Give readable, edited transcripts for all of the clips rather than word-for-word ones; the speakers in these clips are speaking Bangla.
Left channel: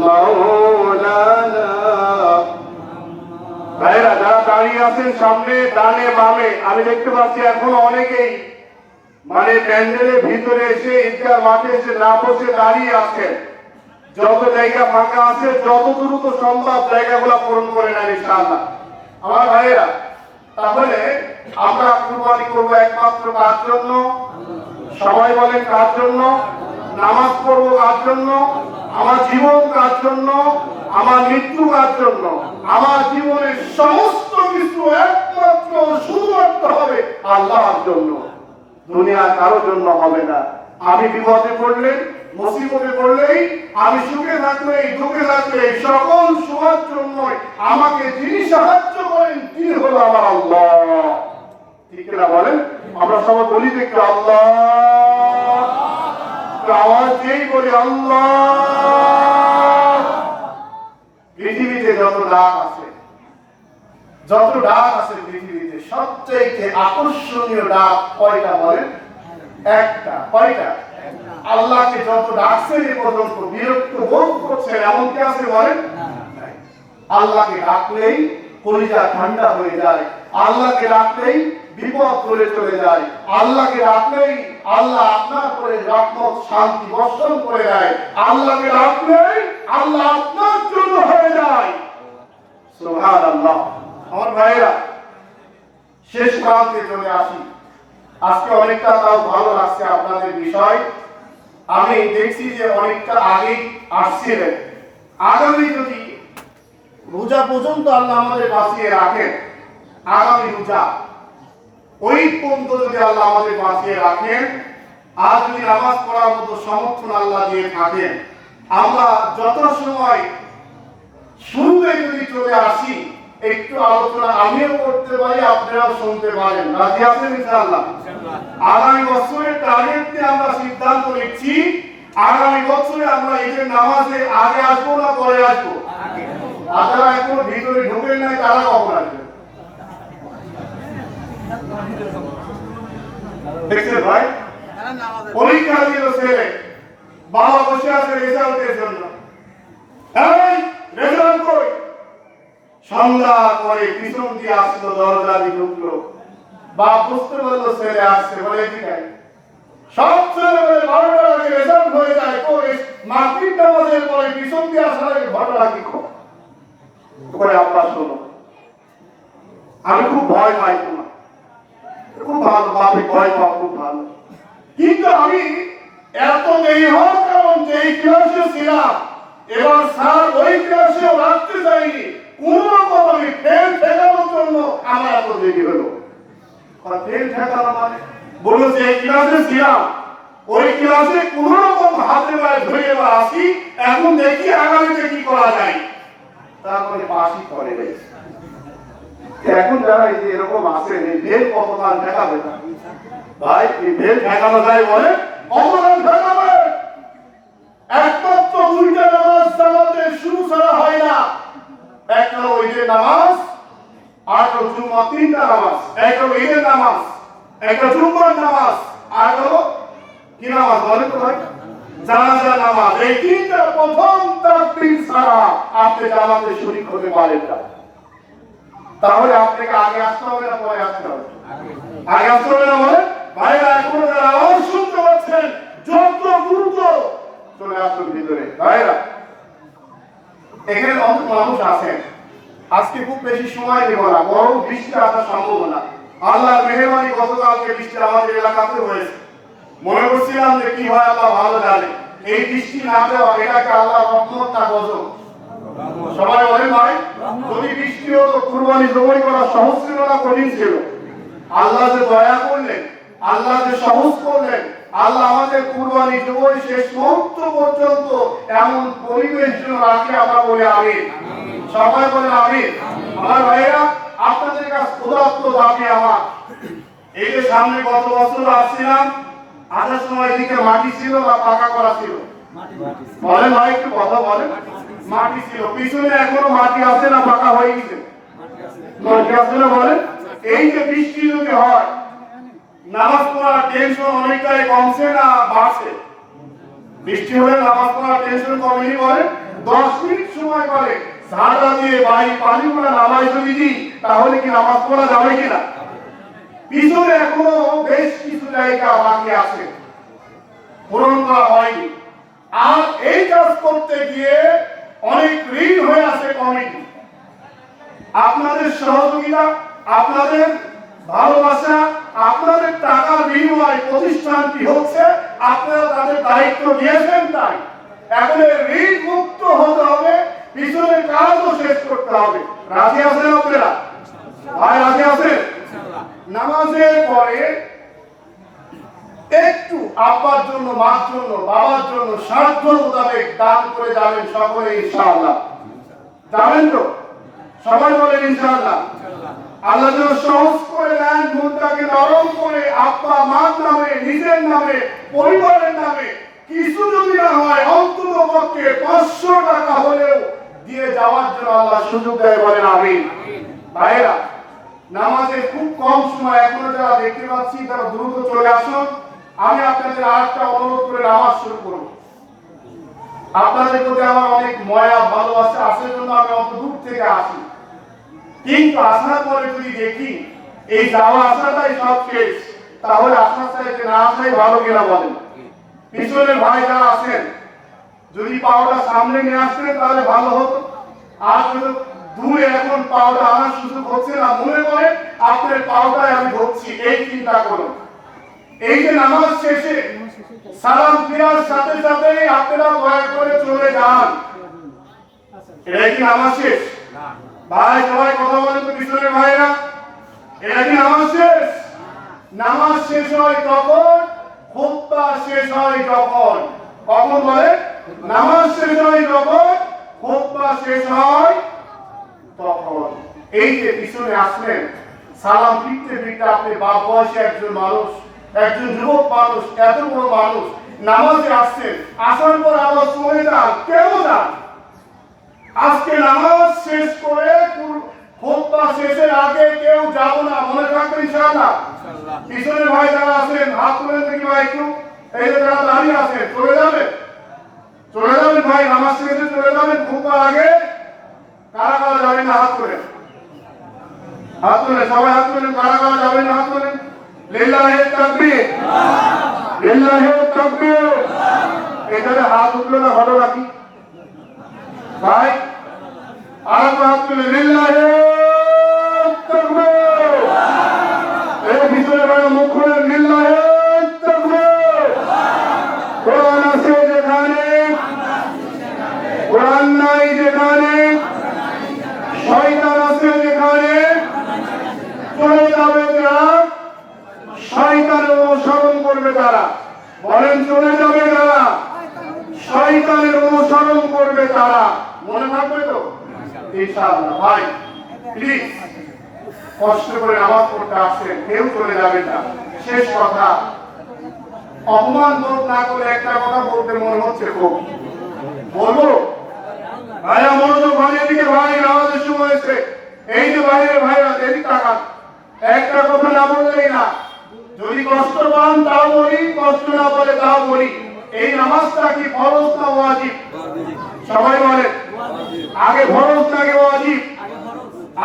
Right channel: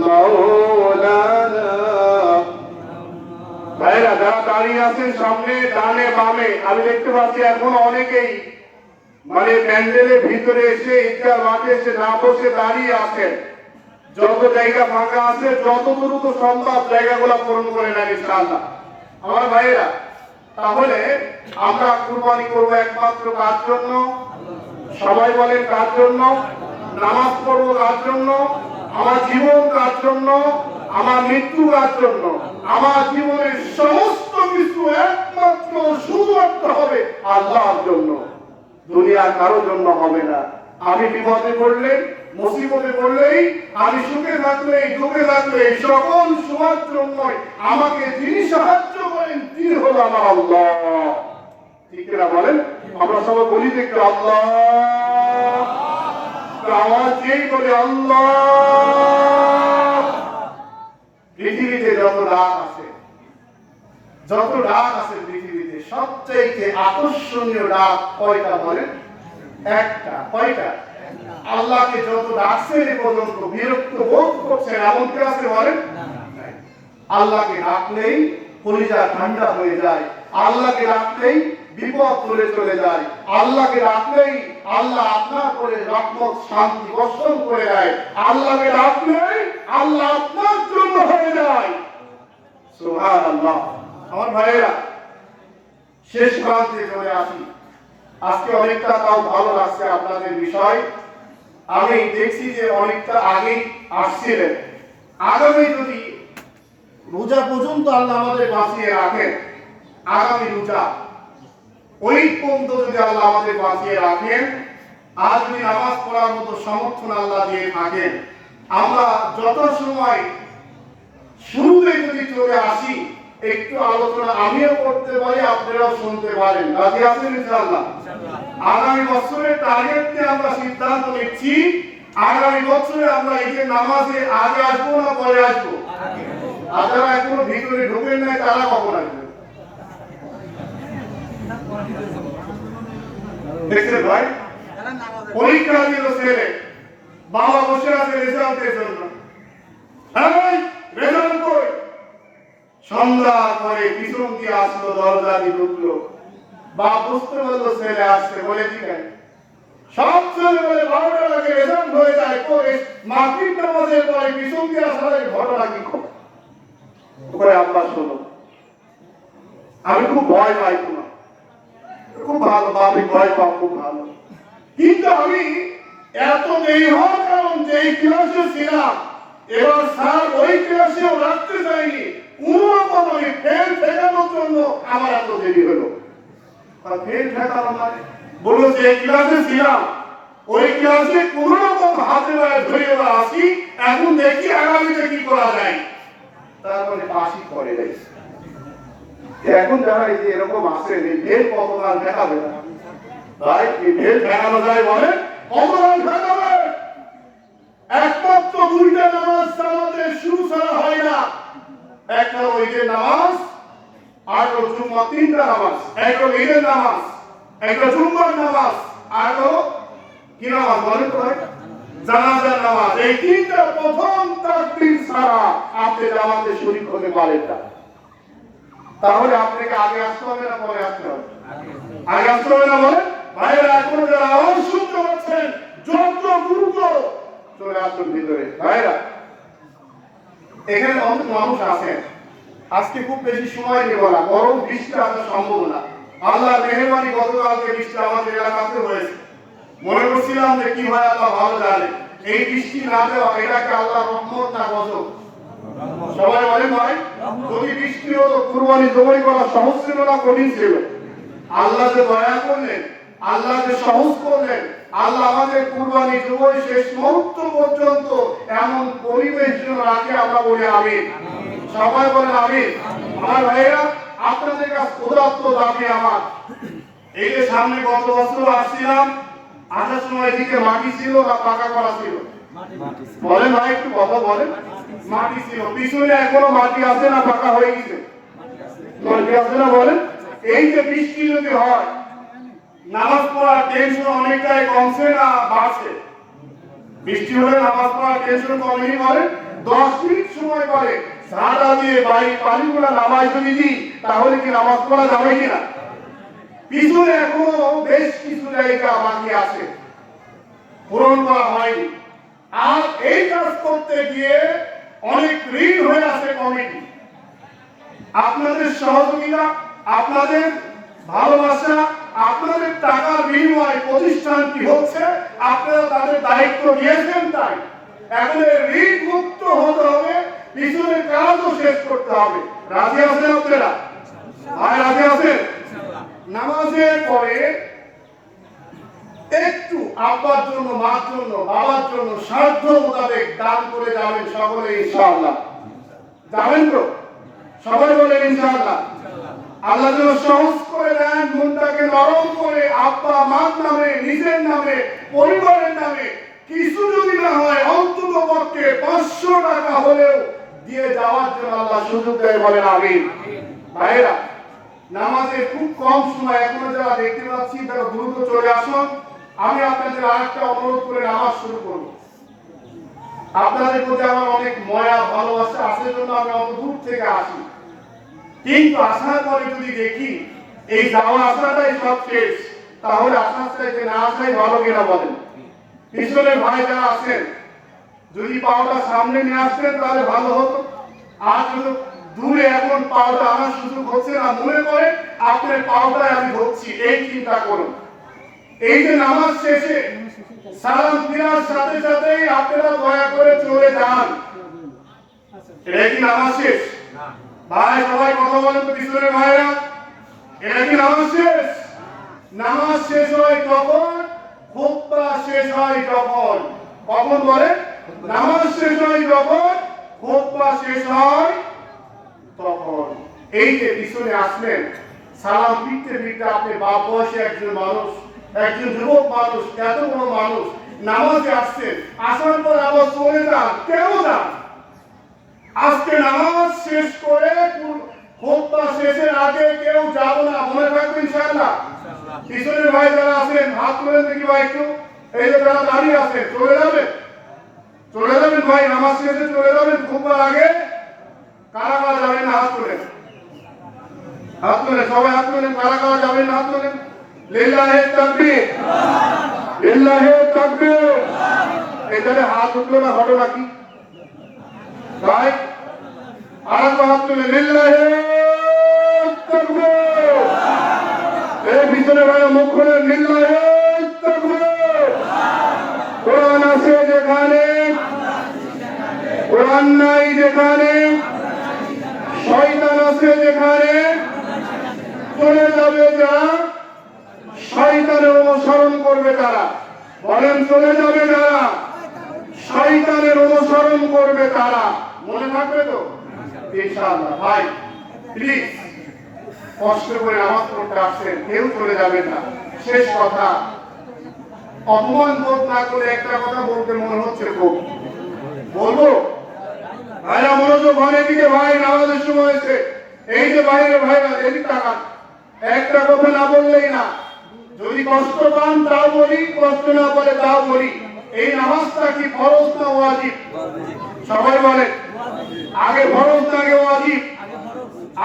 মাওলানা। ভাইরা যারা দাঁড়িয়ে আছেন সামনে ডানে বামে, আমি দেখতে পাচ্ছি এখন অনেকেই মানে প্যান্ডেলের ভিতরে এসে ঈদগাহ মাঠে এসে না বসে দাঁড়িয়ে আছেন। যত জায়গা ফাঁকা আছে যত দ্রুত সম্ভব জায়গাগুলো পূরণ করে নেন ইনশাআল্লাহ। আমার ভাইরা, তাহলে আমরা কুরবানি করবো একমাত্র কার জন্য? সবাই বলেন কার জন্য? নামাজ পড়বো কার জন্য? আমার জীবন কার জন্য? আমার মৃত্যু কার জন্য? আমার জীবনের সমস্ত কিছু একমাত্র শুধুমাত্র হবে আল্লাহর জন্য, দুনিয়া কারো জন্য হবে না। আমি বিপদে পড়লে, মুসিবতে পড়লেই, আমি সুখে থাকলে, দুঃখে থাকলে, সকল সময়ের জন্য আমাকে যিনি সাহায্য করেন তিনি হলো আমার আল্লাহ। ঠিক না বলেন? আমরা সবাই বলি দেখতে আল্লাহ, আমার যেই বলে আল্লাহ। পৃথিবীতে যত ডাক আছে, যত ডাক আছে পৃথিবীতে সবচেয়ে আকর্ষণীয় ডাক কয়টা বলেন? একটা। কয়টা? আল্লাহকে যত ডাকছেন এ পর্যন্ত বিরক্ত বোধ করছেন এমন কি আছে বলেন? আল্লাহকে ডাকলেই কলিজা ঠান্ডা হয়ে যায়, আল্লাহকে ডাকলেই বিপদ করে চলে যায়, আল্লাহকে ডাকলেই আল্লাহ আপনার উপরে রহমত শান্তি বর্ষণ করে দেয়, আল্লাহকে ডাকলেই আল্লাহ আপনার জন্য হয়ে যায়। সুবহানাল্লাহ। আমার ভাইরা, শেষ প্রান্তে চলে আসি। আজকে অনেকটা তাও ভালো লাগছে আপনাদের বিষয়। আমি দেখছি যে অনেকটা আগেই আসছিলেন। আগামী যদি রোজা পর্যন্ত আল্লাহ আমাদের বাঁচিয়ে রাখেন, আগামী রোজা ওই পর্যন্ত যদি আল্লাহ আমাদের বাঁচিয়ে রাখেন, আর যদি নামাজ পড়ার মতো সমর্থন আল্লাহ দিয়ে থাকেন, আমরা যত সময় শুরুতে যদি চলে আসি, একটু আলোচনা আমিও করতে পারি, আপনারাও শুনতে পারেন। রাজি আছেন ইনশাআল্লাহ? আগামী বছরের টার্গেট নিয়ে আমরা সিদ্ধান্ত নিচ্ছি, আগামী বছরে আমরা ঈদের নামাজে আগে আসবো না পরে আসবো? যারা এখনো ভিতরে ঢুকেন নাই তারা কখন আসবে? দেখছেন ভাই, পরীক্ষা দিল ছেলে, বাবা বসে আছে রেজাল্টের জন্য। রেজাল্ট কই? সন্ধ্যা পরে পিছন দিয়ে আসলো, দরজা দিয়ে ঢুকলো, বাপ বুঝতে পারলো ছেলে আসছে, বলে এদিকে। সব ছেলে বলে 12টার আগে রেজাল্ট হয়ে যায়, করে মাগরিব নামাজের পরে পিছন দিয়ে আসার আগে ঘটনা কি করে আমরা শুনো। আমি খুব ভয় পাই, খুব ভালো বাপে ভয় পাওয়া খুব ভালো, কিন্তু আমি এত দেরি হওয়ার কারণ যে ক্লাসে ছিলাম এবার স্যার ওই ক্লাসেও রাখতে যাইনি, কোনরকম আমি ফেল ঠেকানোর জন্য আমার এত দেরি হলো। ফেল ঠেকানো মানে বলুন যে এই ক্লাসে ছিলাম, ওই ক্লাসে কোনরকম হাতে পায়ে ধরে এবার আসি, এখন দেখি আগামীতে কি করা যায়, তারপরে পাশই করে গেছে। এখন যারা এই যে এরকম আসেন, এই ফেল কতবার ঠেকাবে না ভাই? এই ফেল ঠেকানো যায় বলে কতবার ঠেকাবে? একমাত্র দুইটা নামাজ জামাতে শুরু ছাড়া হয় না, একটা হলো ঈদের নামাজ, আর হলো জুমা। তিনটা নামাজ, একটা হলো ঈদের নামাজ, একটা জুমার নামাজ, আর হলো কি নামাজ বলেন তো ভাই? জানাজার নামাজ। এই তিনটা প্রথম তাকবীর ছাড়া আপনি জামাতে শরীক হতে পারেন না। তাহলে আপনাকে আগে আসতে হবে না পরে আসতে হবে? আগে আসতে হবে না বলে ভাইরা, এখন যারা আওয়াজ শুনতে পাচ্ছেন যত দ্রুত চলে আসুন ভিতরে। ভাইরা, এখানে অনেক মানুষ আছেন, আজকে খুব বেশি সময় নেব না, বড় বৃষ্টি আসার সম্ভাবনা। আল্লাহ মেহেরবানি গতকালকে বৃষ্টি আমাদের এলাকাতে হয়েছে। মনে করছিলাম যে কি হয় আল্লাহ ভালো জানে, এই বৃষ্টি না দেওয়া এটাকে আল্লাহ রহমত না গজব? সবাই বলেন ভাই, যদি বৃষ্টি হতো কুরবানি জবাই করা সহজ ছিল না কঠিন ছিল? আল্লাহ যে দয়া করলেন, আল্লাহ যে সহজ করলেন, আল্লাহ আমাদের কুরবানি জবাই শেষ মুহূর্ত পর্যন্ত এমন পরিবেশ যেন রাখে, আমরা বলে আমিন। সবাই বলে আমিন। আমার ভাইরা, আপনাদের কাছে ক্ষুধার্ত দাবি আমার, এই যে সামনে গত বছর আসছিলাম, আসার সময় এদিকে মাটি ছিল বা পাকা করা ছিল? বলেন ভাই, একটু কথা বলেন। মাটি ছিল, পিছনে এখনো মাটি আছে না পাকা হয়ে গেছে? মাটি আছে না বলেন? এই যে বৃষ্টি যদি হয়, নামাজ পড়ার টেনশন অনেকটাই কমছে না বাড়ছে? বৃষ্টি হলে নামাজ পড়ার টেনশন কমেনি বলেন? 10 মিনিট সময় পারে ঝাড়া দিয়ে বাড়ি পানিগুলো নামাই যদি দিই তাহলে কি নামাজ পড়া যাবে কিনা? পিছনে এখনো বেশ কিছু জায়গা বাকি আছে, পূরণ করা হয়নি। আর এই কাজ করতে গিয়ে অনেক ঋণ হয়ে আছে কমিটি। আপনাদের সহযোগিতা, আপনাদের ভালোবাসা, আপনাদের টাকার বিনিময়ে প্রতিষ্ঠানটি হচ্ছে, আপনারা তাদের দায়িত্ব নিয়েছেন। তাই এখন ঋণ মুক্ত হতে হবে, পিছনের কাজও শেষ করতে হবে। রাজি আছেন আপনারা? ভাই রাজি আছেন? নামাজের পরে একটু আব্বার জন্য, মার জন্য, বাবার জন্য সাধ্য মোতাবেক দান করে যাবেন সকলে ইনশাআল্লাহ। যাবেন তো? সবাই বলেন ইনশাআল্লাহ। আল্লাহ যেন সহজ করে দেন, মনটাকে নরম করে আব্বা মার নামে, নিজের নামে, পরিবারের নামে কিছু যদি না হয় অন্তত পক্ষে 500 টাকা হলেও দিয়ে যাওয়ার জন্য আল্লাহ সুযোগ দেয়, বলেন আমিন। ভাইরা, নামাজে খুব কম সময়, এখনো যারা দেখতে পাচ্ছি তারা দ্রুত চলে আসুন। আমি আপনাদের আরেকটা অনুরোধ করে নামাজ শুরু করব। আপনাদের প্রতি আমার অনেক মায়া ভালোবাসা আছে জন্য আমি অত দূর থেকে আসি, কিন্তু আসার পরে যদি দেখি এই যাওয়া আসাটাই সব শেষ, তাহলে আসার চাইতে না আসাই ভালো কিনা বলেন? পিছনের ভাই যারা আছেন যদি পাওয়াটা সামনে নিয়ে আসতেন তাহলে ভালো হতো। আর যদি দূরে এখন পাওয়াটা আমার সুযোগ হচ্ছে না, মনে করে আপনার পাওয়াটাই আমি ধরছি, এই চিন্তা করুন। এই যে নামাজ শেষে সালাম ফিরার সাথে সাথেই আপনারা দয়া করে চলে যান, এটা কি নামাজ শেষ? ভাই সবাই কথা বলেন তো, পিছনের ভাইরা, এটা কি নামাজ শেষ? নামাজ শেষ হয় তখন, খুতবা শেষ হয় যখন। কখন বলে? নামাজ শেষ হয় যখন, খুতবা শেষ হয় তখন। এই যে পিছনে আসলেন, সালাম ফিরতে ফিরতে আপনি বাপ বয়সী একজন মানুষ, একজন যুবক মানুষ, এত বড় মানুষ নামাজে আসছেন, আসার পর আবার চলে যান, কেন যান? আজকে নামাজ শেষ করে খুতবা শেষের আগে কেউ যাব না, মনে রাখবেন ইনশাআল্লাহ। পিছনের ভাই যারা আছেন হাত তুলে দেখি ভাই একটু, এই যে যারা দাঁড়িয়ে আছেন চলে যাবেন, চলে যাবেন ভাই, নামাজ শেষে চলে যাবেন, খুতবার আগে। কারা কারা যাবেন না হাত তুলে, হাত তুলে, সবাই হাত তুলেন। কারা কারা যাবেন না হাত তুলেন। লিল্লাহি তাকবীর, লিল্লাহি তাকবীর। এখানে হাত উঠলো না, হটো রাখি ভাই, আর হাত তুলে লিল্লাহি তাকবীর। এই ভিতরে ভাই মুখ খুলে লিল্লাহি তাকবীর। কোরআন আছে যেখানে, কোরআন নাই যেখানে, শয়তান আছে যেখানে, চলে যাবে যারা, শয়তানের অনুসরণ করবে তারা। বলেন চলে যাবে যারা, শয়তানের অনুসরণ করবে তারা। মনে থাকবে তো ইনশাআল্লাহ। ভাই প্লিজ কষ্ট করে নামাজ পড়তে আসেন, কেউ চলে যাবে না। শেষ কথা, অপমান বোধ না করে একটা কথা বলতে মনে হচ্ছে, খুব বলবো ভাইরা, মনোযোগ, ভাই এদিকে, ভাই নামাজের শুরু হয়েছে। এই যে বাইরের ভাইরা এদিকে তাকান, একটা কথা না বললেই না। যদি কষ্ট পান তাও বলি, কষ্ট না পারে তাও বলি। এই নামাজটা কি ফরজ না ওয়াজিব? সবাই বলে আগে ফরজ না আগে ওয়াজিব?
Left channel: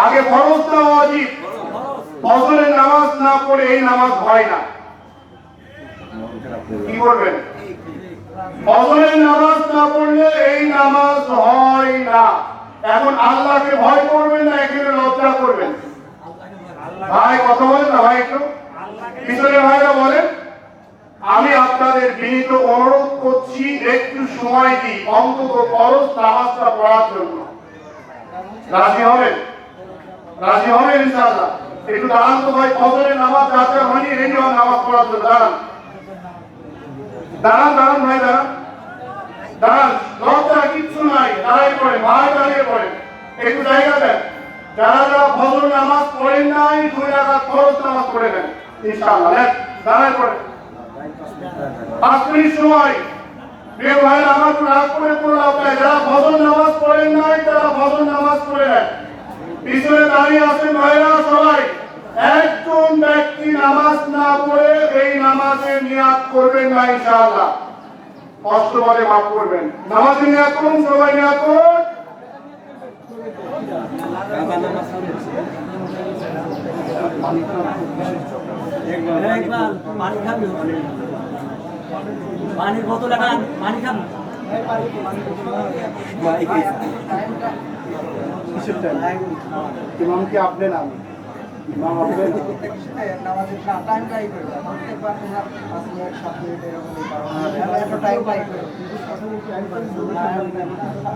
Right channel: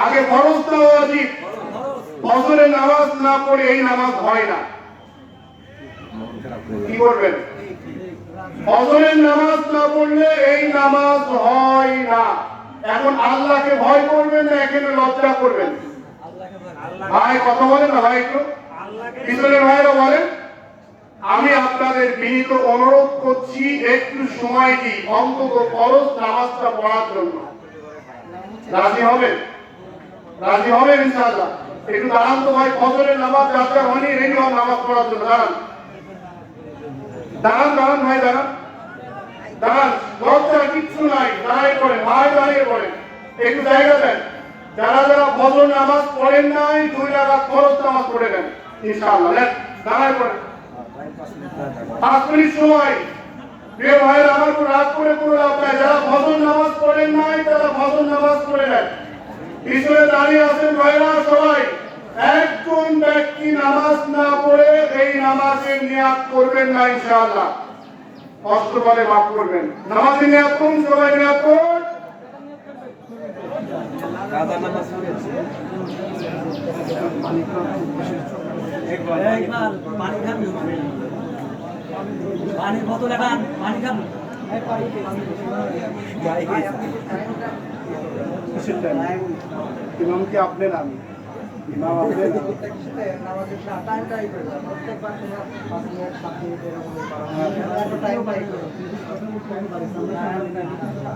আগে ফরজ না ওয়াজিব? ফজরের নামাজ না পড়ে এই নামাজ হয় না, কি করবেন? ফজরের নামাজ না পড়লে এই নামাজ হয় না। এখন আল্লাহকে ভয় করবেন না এখানে লজ্জা করবেন? ভাই কথা বলেন না ভাই, একটু পিছনের ভাইরা বলেন। আমি আপনাদের বিনীত অনুরোধ করছি, একটু সময় দিই অন্তত ফরজ নামাজটা পড়ার জন্য। রাজি হবেন? রাজি হবেন ইনশাআল্লাহ? একটু দাঁড়ান তো ভাই, ফজরের নামাজ যাতে হয়নি এই নামাজ পড়ার জন্য দাঁড়ান, দাঁড়ান, দাঁড়ান ভাই, দাঁড়ান, দাঁড়ান, লজ্জা কিচ্ছু নাই, দাঁড়াই পড়েন ভাই, দাঁড়িয়ে পড়েন, একটু জায়গা দেন। যারা যারা ফজর নামাজ পড়েন নাই 2 রাকাত ফরজ নামাজ পড়ে নেন ইনশাআল্লাহ। দাঁড়াই পড়েন 5 মিনিট সময়। প্রিয় ভাই, আমার কোন রাগ করে কোনো লাভ নাই। যারা ফজর নামাজ পড়েন নাই তারা ফজর নামাজ পড়ে নেন। পিছনে দাঁড়িয়ে আছেন ভাইরা সবাই, একজন ব্যক্তি নামাজ না পড়ে এই নামাজের নিয়াত করবেন না ইনশাআল্লাহ। কষ্ট করে মাফ করবেন। নামাজে নিয়াত করুন, সবাই নিয়াত করুন। পানির বোতল এখন পানি খাবো। কিসের টাইম? ইমাম কি আপনি না আমি? ইমাম আপনি না? নামাজের টাইম টাই করে দাও। প্রত্যেকবার 5 মিনিট 7 মিনিট এরকম একটা টাইম টাই করে দাও।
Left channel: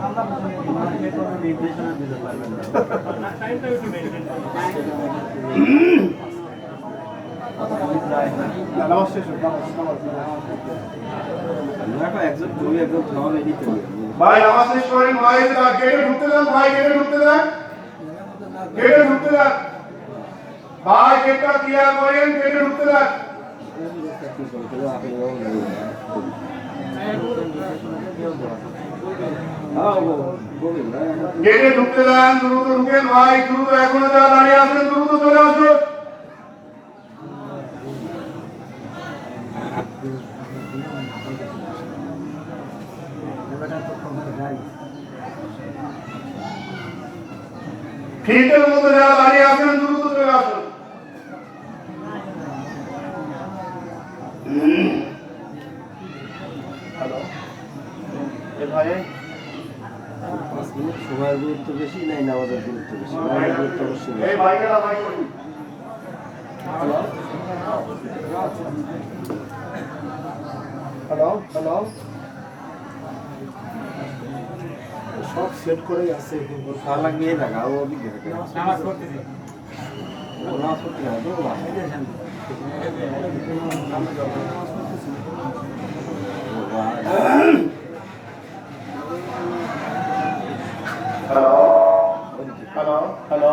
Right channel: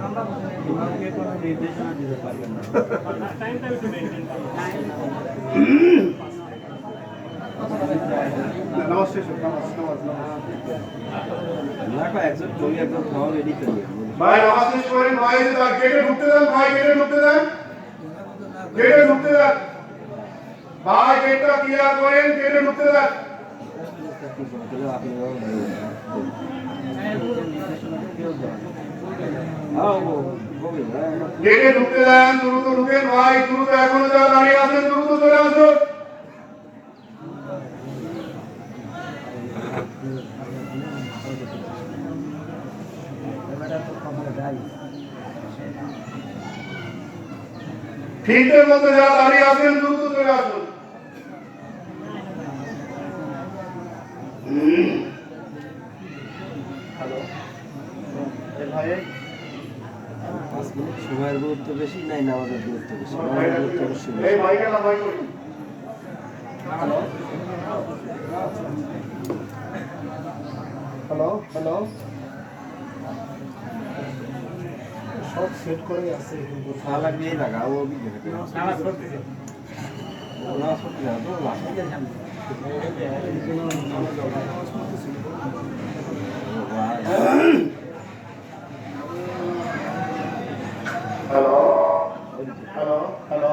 আমরা আমাকে কোনো নির্দেশনা দিতে পারবেন না। টাইমটা একটু মেইনটেইন করুন। নামাজ শেষ হোক, নামাজ। ভাই নামাজ শেষ করেন, ভাই গেটে ঢুকতে দেন, ভাই গেটে ঢুকতে দেন, গেটে ঢুকতে দেন, ভাই গেটটা ক্লিয়ার করেন, গেটে ঢুকতে দেন। গেটে ঢুকতে দেন, দ্রুত ঢুকেন ভাই, দ্রুত। এখন যারা দাঁড়িয়ে আছেন দ্রুত চলে আসুন। ফিল্ডের মধ্যে যারা দাঁড়িয়ে আছেন দ্রুত চলে আসুন। হ্যালো ভাই, সময়ের গুরুত্ব বেশি নাই নামাজের গুরুত্ব বেশি? নামাজের গুরুত্ব অবশ্যই বেশি। এই ভাইকে না ভাই করি। হ্যালো হ্যালো হ্যালো, সব সেট করে আছে। তা লাগবে এই লাগা ও অভিজ্ঞতা নামাজ পড়তেছি। নামাজ পড়তে হবে তো না হ্যালো হ্যালো হ্যালো